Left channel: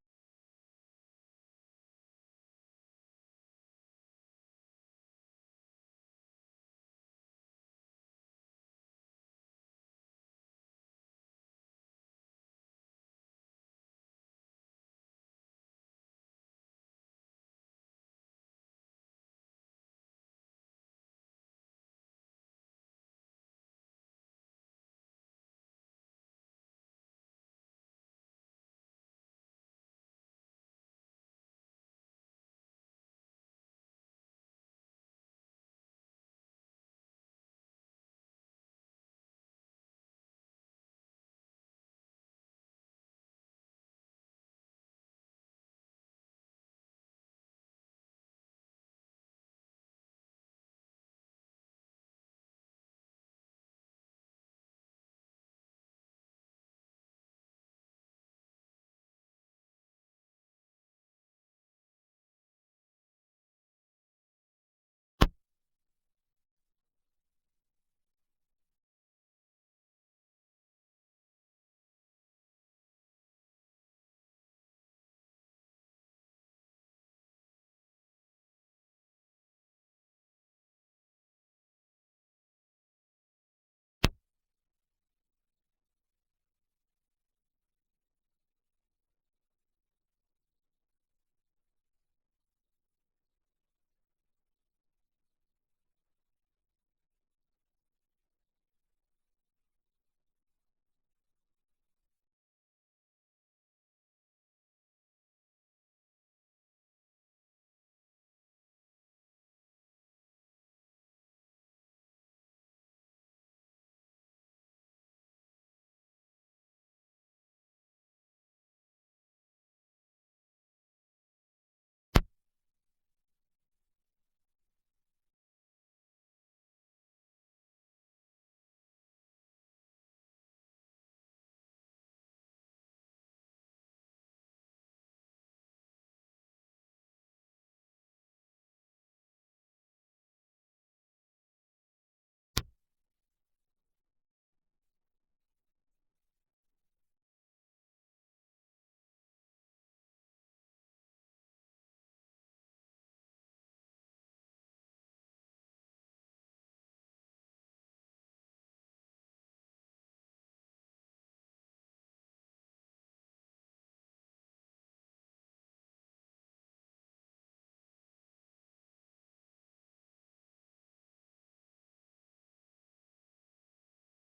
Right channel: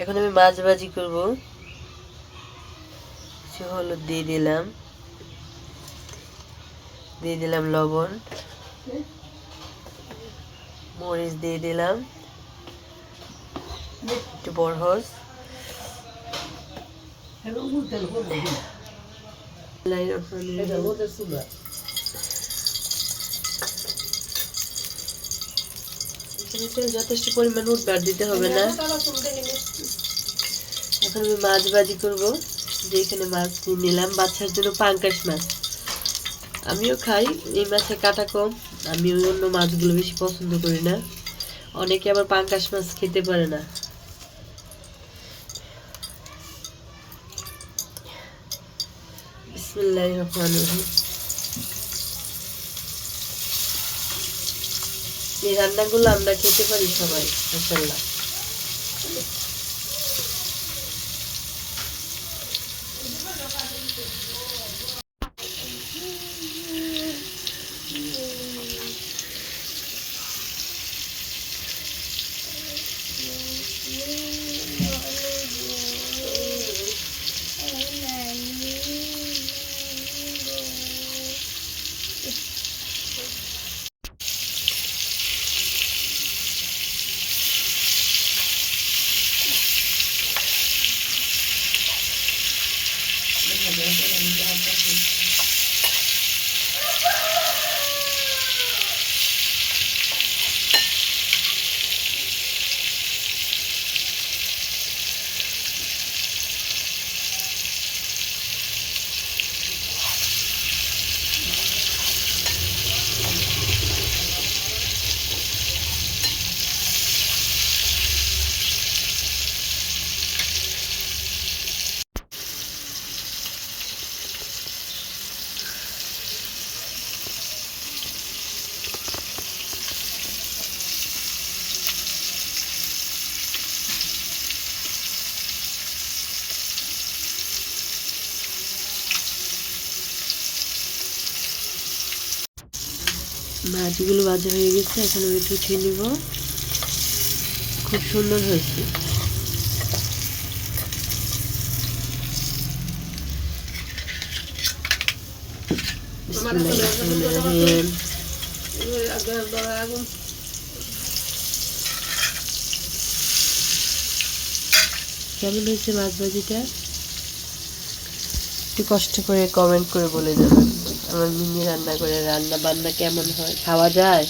এখন আমি মাছ ভাজি করব। হলুদ দিয়ে দিলাম লবণ, মরিচ দিয়ে দিলাম, একটু বরহস, যথেষ্ট পরিমাণ উঠবে, আর দিতে হবে না। এখন আমি মাছ ভাজি করব। যেখানে মাছ নিলাম বাচ্চার জন্য পাঙ্কাশ মাছ, আমিও খাই, এই মাছের কাটা কম, আমি অন্য মাছগুলো বেশি পছন্দ করি না। অনেকে আবার পাঙ্কাশ মাছ খেতে পারে না। বিসমিল্লাহির রহমানির রহিম। এই রান্নাগুলো আমরা খেতে পারি সবাই, মাশাআল্লাহ। মাছগুলো ভাজা হয়ে গেছে, এখন আমি একটু উঠিয়ে নিব। খুব সুন্দর হয়েছে। কেমন হয়েছে মাছ ভাজিটা? একটু কষ্ট করে কমেন্ট করে বলে যাবেন আমার মিনি রান্না করে রান্না বান্না কেমন হয়, খাওয়া যায়?